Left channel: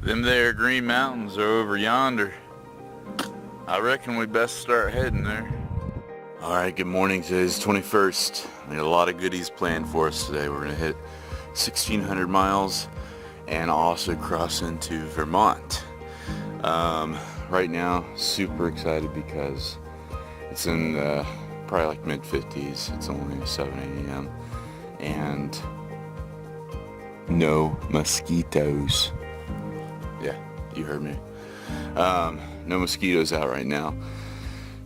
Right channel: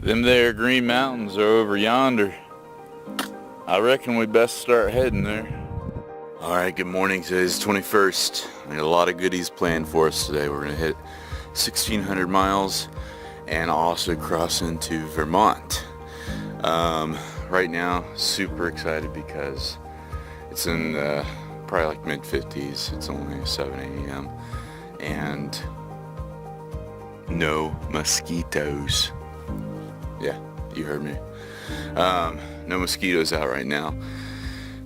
Them there Green Mountains are over yonder. I reckon we best start heading there. Alright, good morning. Today's 21st. We got a lot of goodies planned for us today. We're going to hit 1,600 miles and also cross into Vermont. Right now, super excited because it's in probably like mid-50s. It's only 7 a.m. and no mosquitoes. Yeah, you heard me. No mosquitoes out right now.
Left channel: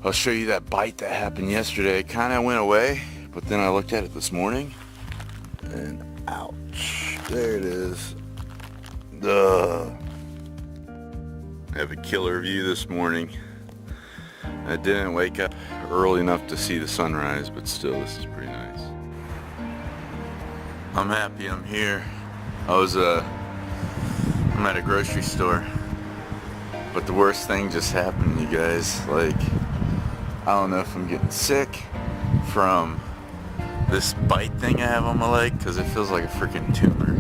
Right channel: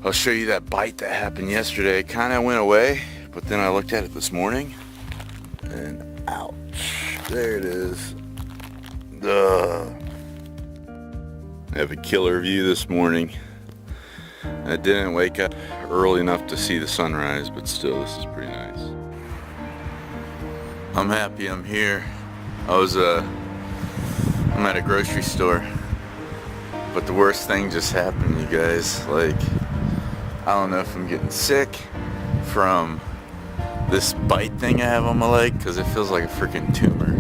I'll show you that bite that happened yesterday. It kind of went away, but then I looked at it this morning and ouch, there it is. Ugh. I have a killer view this morning. I didn't wake up early enough to see the sunrise, but still, this is pretty nice. I'm happy I'm here. I'm at a grocery store, but the worst thing just happened, you guys. Like, I don't know if I'm getting sick from this bite thing I have on my leg, because it feels like a freaking tumor.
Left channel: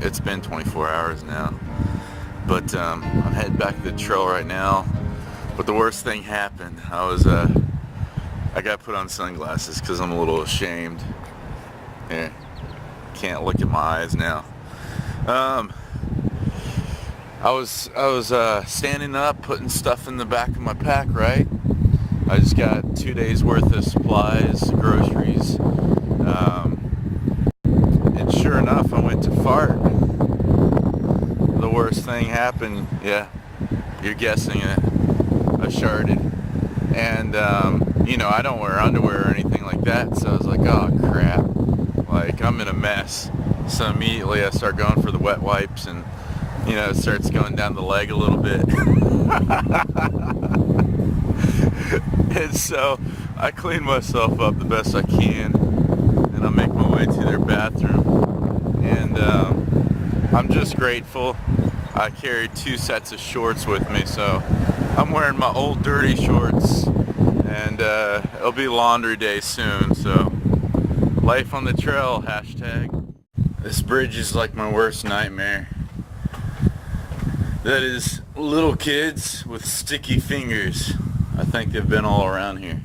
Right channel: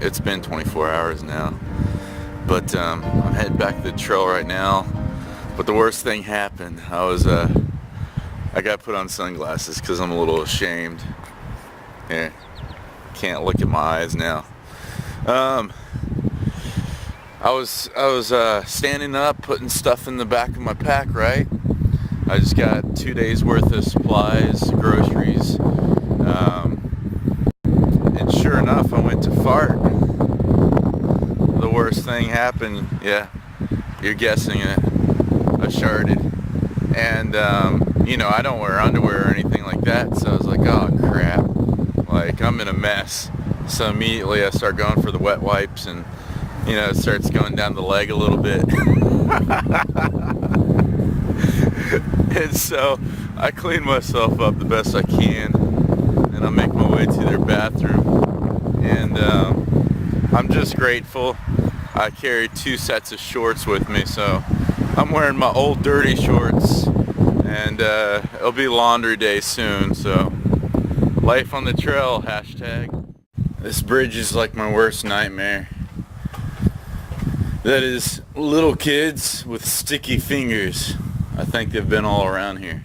It's been 24 hours now. But I'm heading back to the trail right now. But the worst thing happened. I got put on sunglasses because I'm a little ashamed. Here, can't look at my eyes now. I was standing up, putting stuff in the back of my pack, right? I just got 2 days worth of supplies, groceries, and sure enough, I went to fart. The worst thing happened. Yeah, you're guessing it. I sharted, and you know, I don't wear underwear or anything like that, so I was like, oh crap, like I'm in a mess. So immediately I start going for the wet wipes, and you know, it starts going down the leg a little bit. And so I clean myself up the best I can, and I make my way to their bathroom. And I'm just grateful. I carry 2 sets of shorts with me, so I'm wearing my old dirty shorts, and it'll be laundry day soon, so life on the trail, hashtag. This bridge is like my worst nightmare. That is little kids with sticky fingers. I think they've been all around here.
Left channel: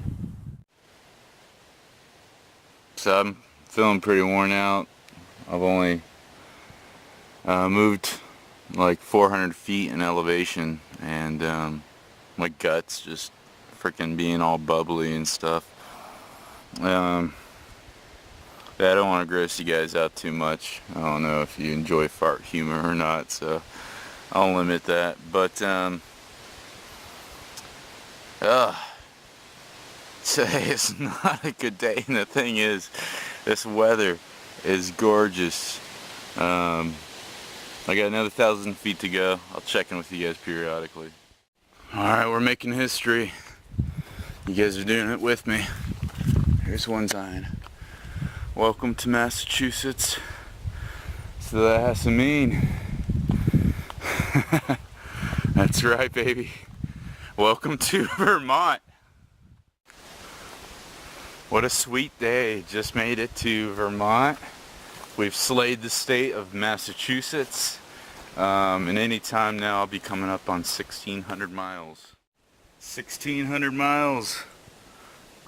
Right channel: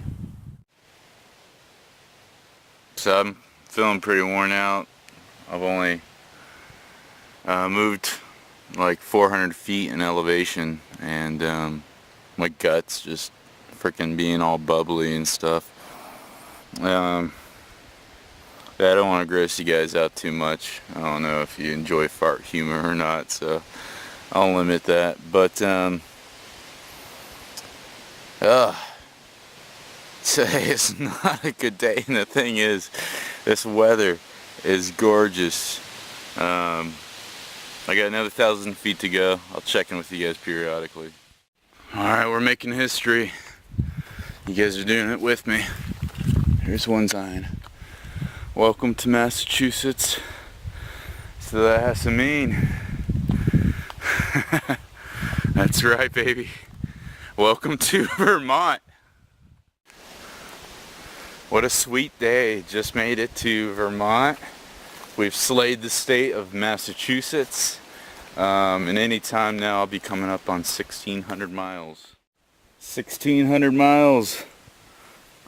So I'm feeling pretty worn out. I've only moved like 400 feet in elevation, and my gut's just freaking being all bubbly and stuff. Yeah, I don't want to gross you guys out too much. I don't know if you enjoy fart humor or not, so I'll limit that. But today is not a good day, and the thing is, this weather is gorgeous. I got another 1,000 feet to go. I'll check in with you guys periodically. Alright, we're making history. You guys are doing it with me. Here's one sign. Welcome to Massachusetts. So that has to mean. That's right, baby. Welcome to Vermont. What a sweet day. Just made it to Vermont. We've slayed the state of Massachusetts. And any time now I'll be coming up on 1,600 miles. 1,600 miles.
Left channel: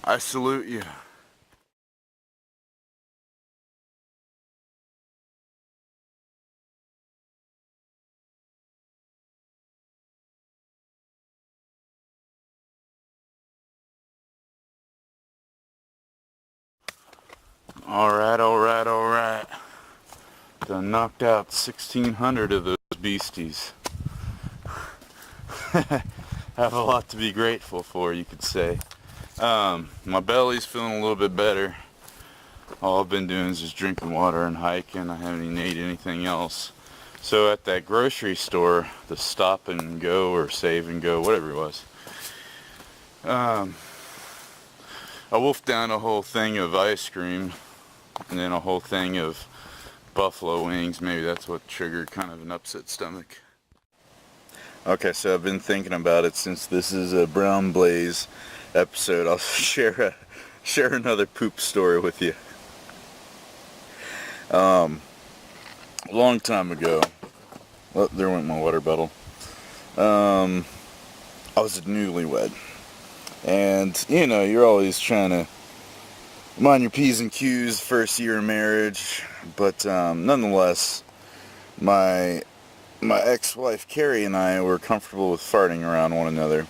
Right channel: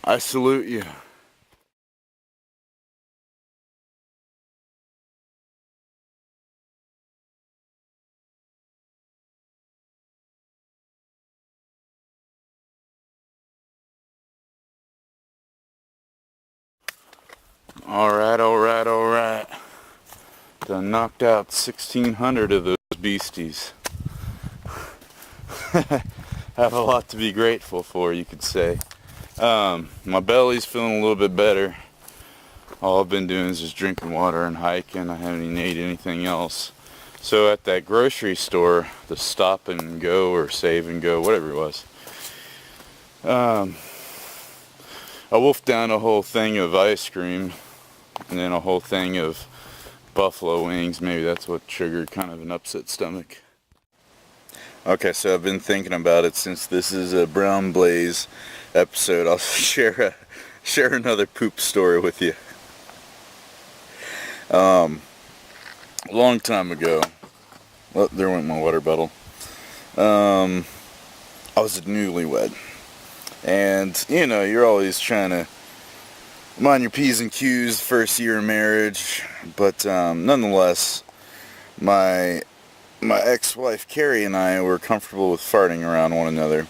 I salute you. Alright. Done knocked out 1,600 of those beasties. Have a lot to be grateful for, you could say. My belly's feeling a little bit better. All I've been doing is just drinking water and hiking. I haven't even ate anything else. So at that grocery store, the Stop and Go or Save and Go, whatever it was, I wolfed down a whole thing of ice cream and then a whole thing of buffalo wings. Maybe that's what triggered kind of an upset stomach. Okay, so I've been thinking about it since this is a Brown Blaze episode. I'll share another poop story with you. A long time ago, Well, there went my water bottle. I was a newlywed. And, you know, you're always trying to mind your P's and Q's first year of marriage. But nonetheless, my ex-wife Carrie and I were comfortable with farting around one another.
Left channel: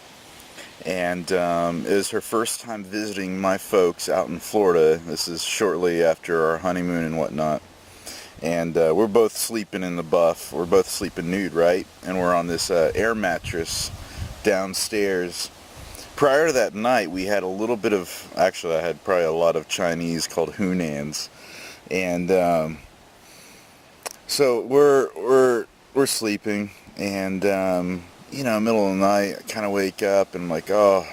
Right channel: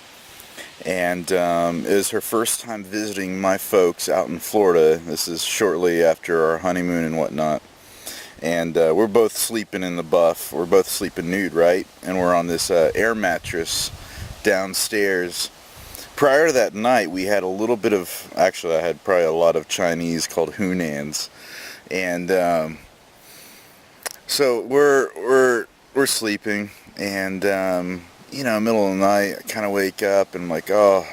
And it was her first time visiting my folks out in Florida. This is shortly after our honeymoon and whatnot. And we're both sleeping in the buff. We're both sleeping nude, right? And we're on this air mattress downstairs. Prior to that night, we had a little bit of, actually I had probably a lot of Chinese called Hunans. And so we're sleeping, and you know, middle of the night, I kind of wake up and I'm like, oh,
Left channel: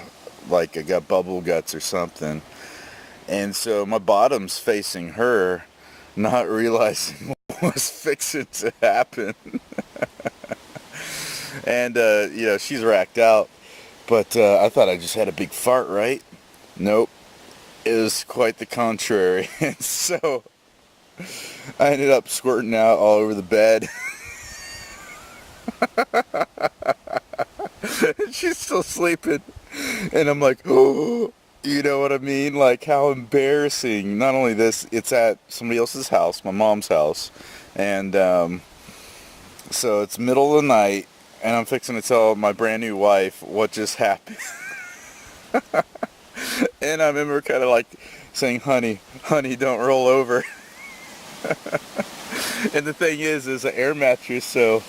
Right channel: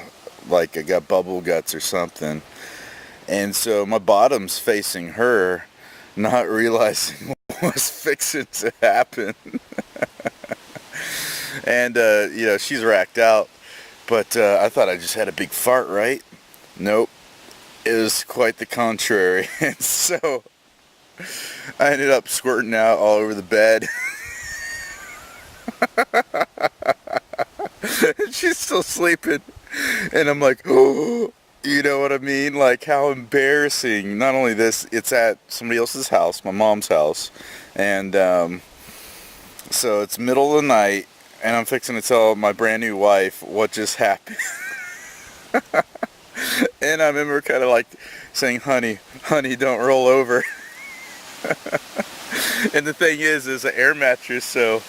like I got bubble guts or something. And so my bottom's facing her, not realizing what was fixing to happen. And you know, she's racked out. But I thought I just had a big fart, right? Nope. It was quite the contrary. And so I ended up squirting out all over the bed. And she's still sleeping. And I'm like, oh, you know what I mean? Like, how embarrassing. Not only this, it's at somebody else's house, my mom's house. And so it's middle of the night, and I'm fixing to tell my brand new wife what just happened. And I remember kind of like saying, honey, don't roll over. And the thing is an air mattress, so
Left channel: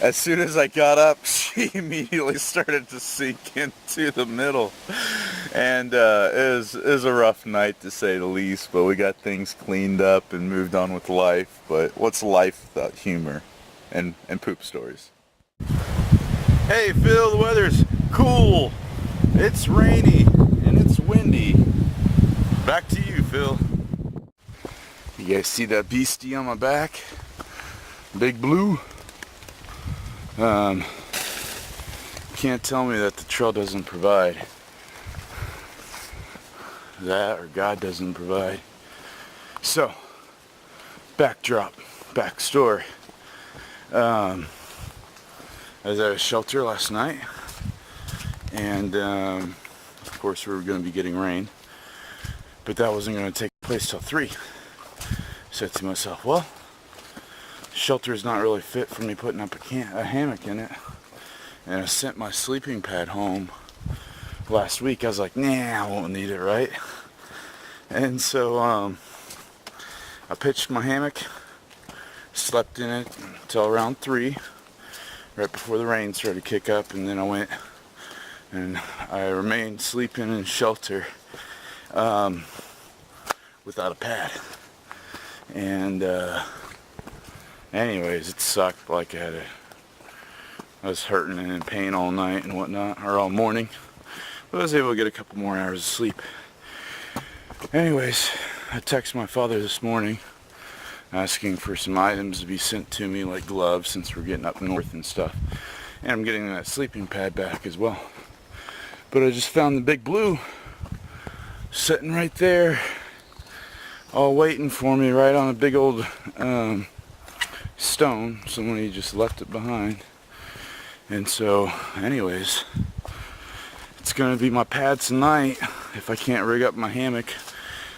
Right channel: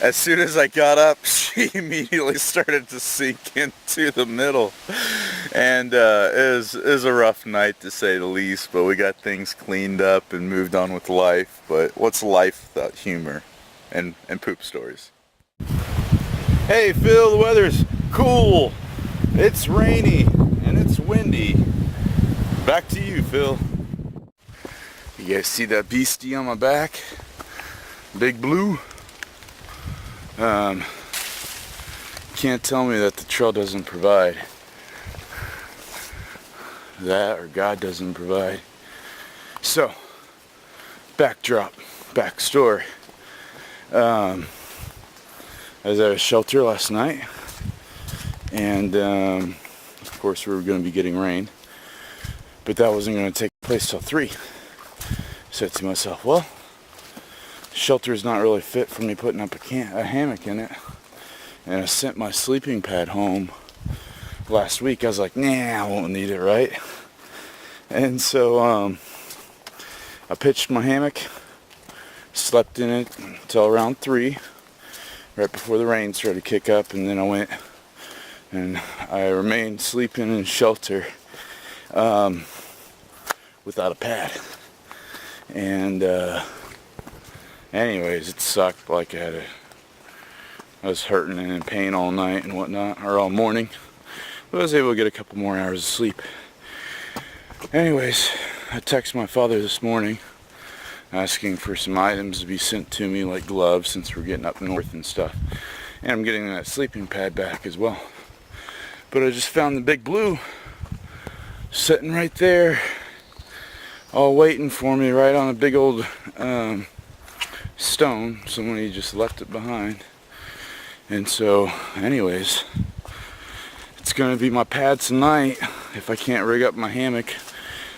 as soon as I got up, she immediately started to sink into the middle. And it was a rough night, to say the least, but we got things cleaned up and moved on with life. But what's life without humor and poop stories? Hey Phil, the weather's cool. It's rainy and it's windy. Back to you, Phil. You guys see that beastie on my back? Big Blue? Can't tell me that the trail doesn't provide. That, or God doesn't provide. So, backstory. I was at a shelter last night, and of course we were going to be getting rain, but that wasn't going to take place till 3. Said to myself, well, shelter is not really fit for me putting up a hammock in it. And I sent my sleeping pad home last week. I was like, nah, I won't need it, right? And so I pitched my hammock, slept in it until around 3, right before the rain started to kick up, and then I went and I remained sleeping in shelter without a pad. And anyways, it sucked. Like I was hurting and in pain all night and whatnot, or all morning. But I was able to get a couple more hours of sleep. Anyways, I texted my father this morning asking for some items to be sent to me, like gloves, since we're getting up north and stuff. And I'm getting that sleeping pad back as well. But I just found the Big Blue sitting right there, all waiting for me, right on a big old stone. Somebody just left it behind. And so, anyways, it's going to be my pad tonight if I can't rig up my hammock.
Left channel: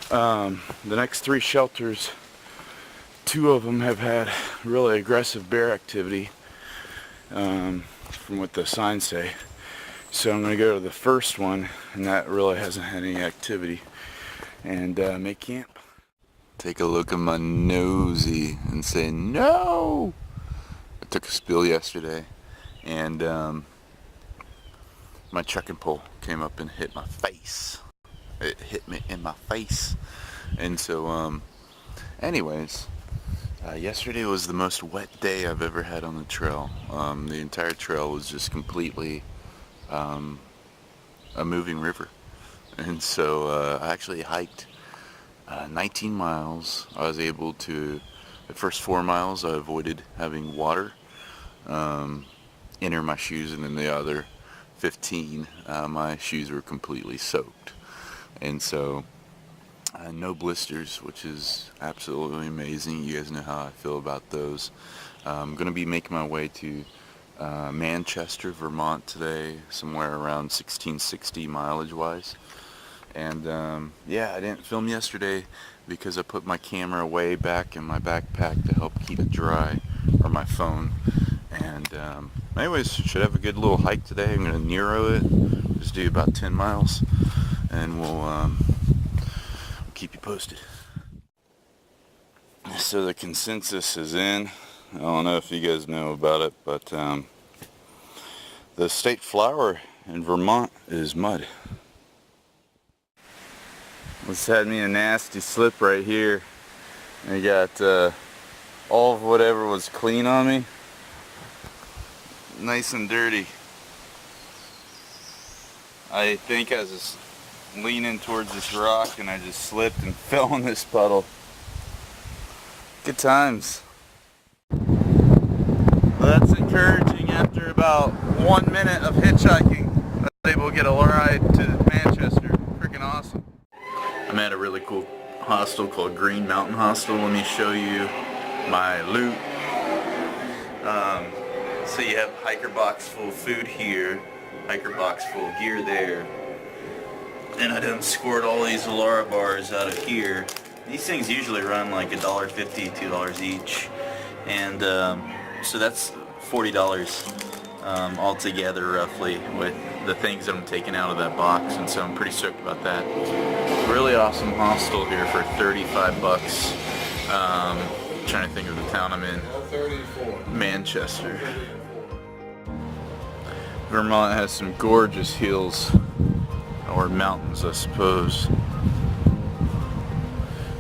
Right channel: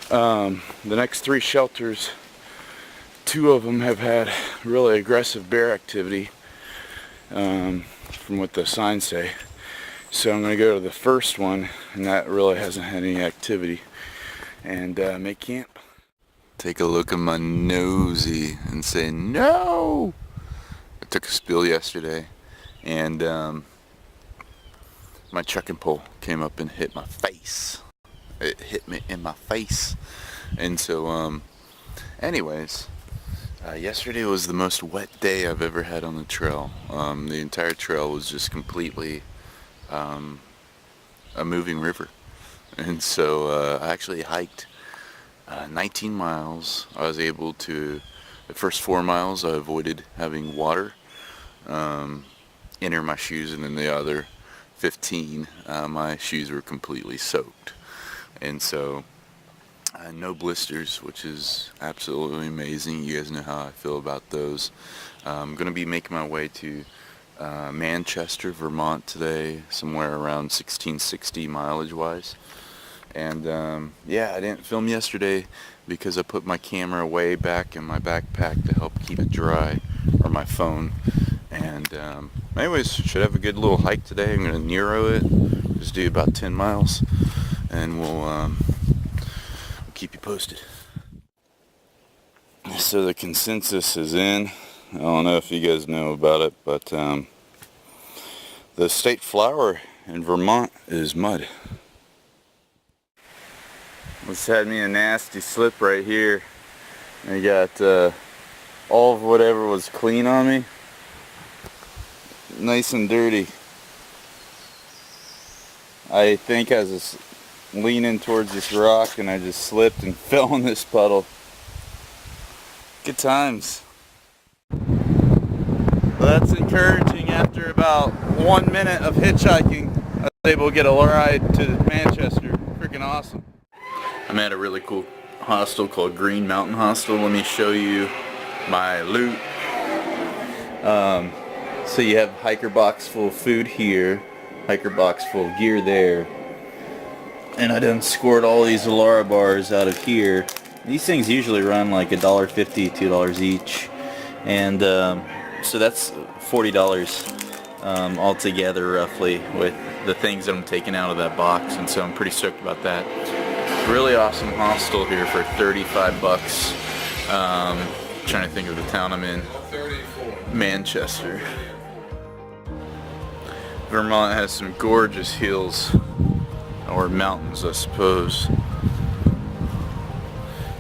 The next 3 shelters, 2 of them have had really aggressive bear activity, from what the signs say. So I'm going to go to the first one, and that really hasn't had any activity, and make camp. Take a look at my nosy and say no. I took a spill yesterday, and my trekking pole came up and hit my face. It hit me in my face. And so anyways, yesterday was the most wet day I've ever had on the trail. The entire trail was just completely a moving river. And so I actually hiked 19 miles. I was able to, the first 4 miles I avoided having water enter my shoes, and then the other 15 my shoes were completely soaked. And so No blisters, which is absolutely amazing. You guys know how I feel about those. I'm going to be making my way to Manchester, Vermont today, somewhere around 1660 mileage wise. And yeah, I didn't film yesterday because I put my camera way back in my backpack to help keep it dry, or my phone. And anyways, should have a good little hike today. I'm going to Nero it, just do about 10 miles, and we'll keep you posted. So the consensus is in. I don't know if you guys know about it, but the state flower in Vermont is mud. This had me a nasty slip right here. I got all of whatever was clean on me nice and dirty. I think I was just leaning towards this rock and I just slipped and fell in this puddle. Good times. Well, that's encouraging. After about 1 minute of hitchhiking, I was able to get a ride to Manchester. Freaking awesome. I'm at a really cool hostel called Green Mountain Hostel. Let me show you my loot. So you have hiker box full of food here, hiker box full of gear there, and I done scored all these Alara bars out of here. These things usually run like $1.50, $2 each, and so that's $40 altogether roughly with the things that I'm taking out of that box, and so I'm pretty stoked about that. Really awesome hostel here for 35 bucks. Trying to think of the town I'm in. Manchester. Vermont has some gorgeous hills, or mountains I suppose.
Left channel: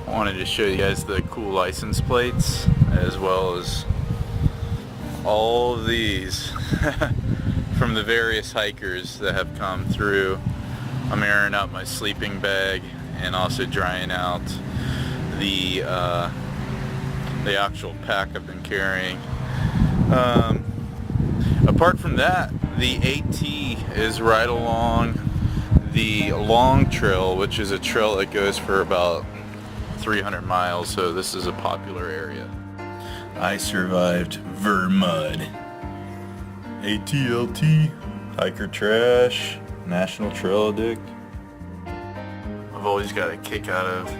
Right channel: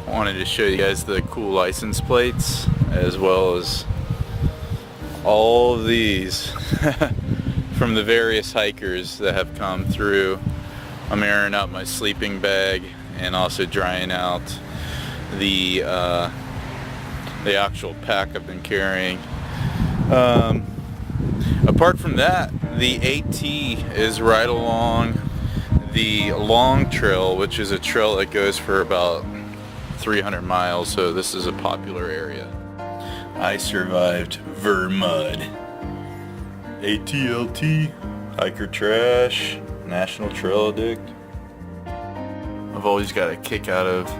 I wanted to show you guys the cool license plates, as well as all of these from the various hikers that have come through. I'm airing out my sleeping bag and also drying out the actual pack I've been carrying. Apart from that, the AT is right along the long trail, which is a trail that goes for about 300 miles, so this is a popular area. I survived Vermud. ATLT, hiker trash, National Trail Addict. I've always got a kick out of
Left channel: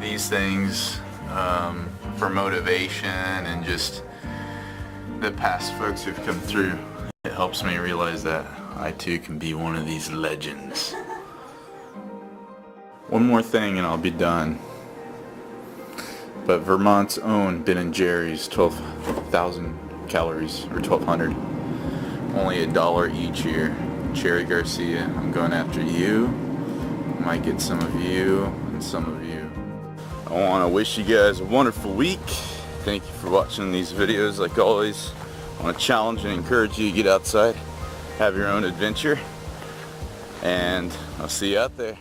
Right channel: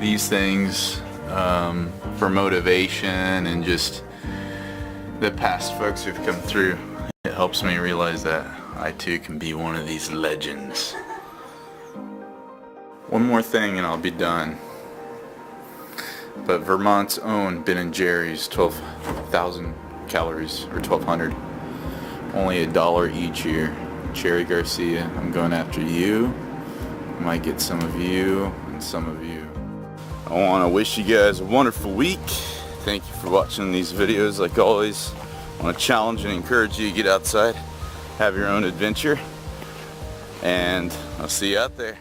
these things for motivation, and just the past folks who've come through. It helps me realize that I too can be one of these legends. One more thing and I'll be done. But Vermont's own Ben & Jerry's, 12,000 calories, or 1,200. Only $1 each here. Cherry Garcia, I'm going after you. Might get some of you and some of you. I want to wish you guys a wonderful week. Thank you for watching these videos. Like always, I want to challenge and encourage you to get outside, have your own adventure, and I'll see you out there.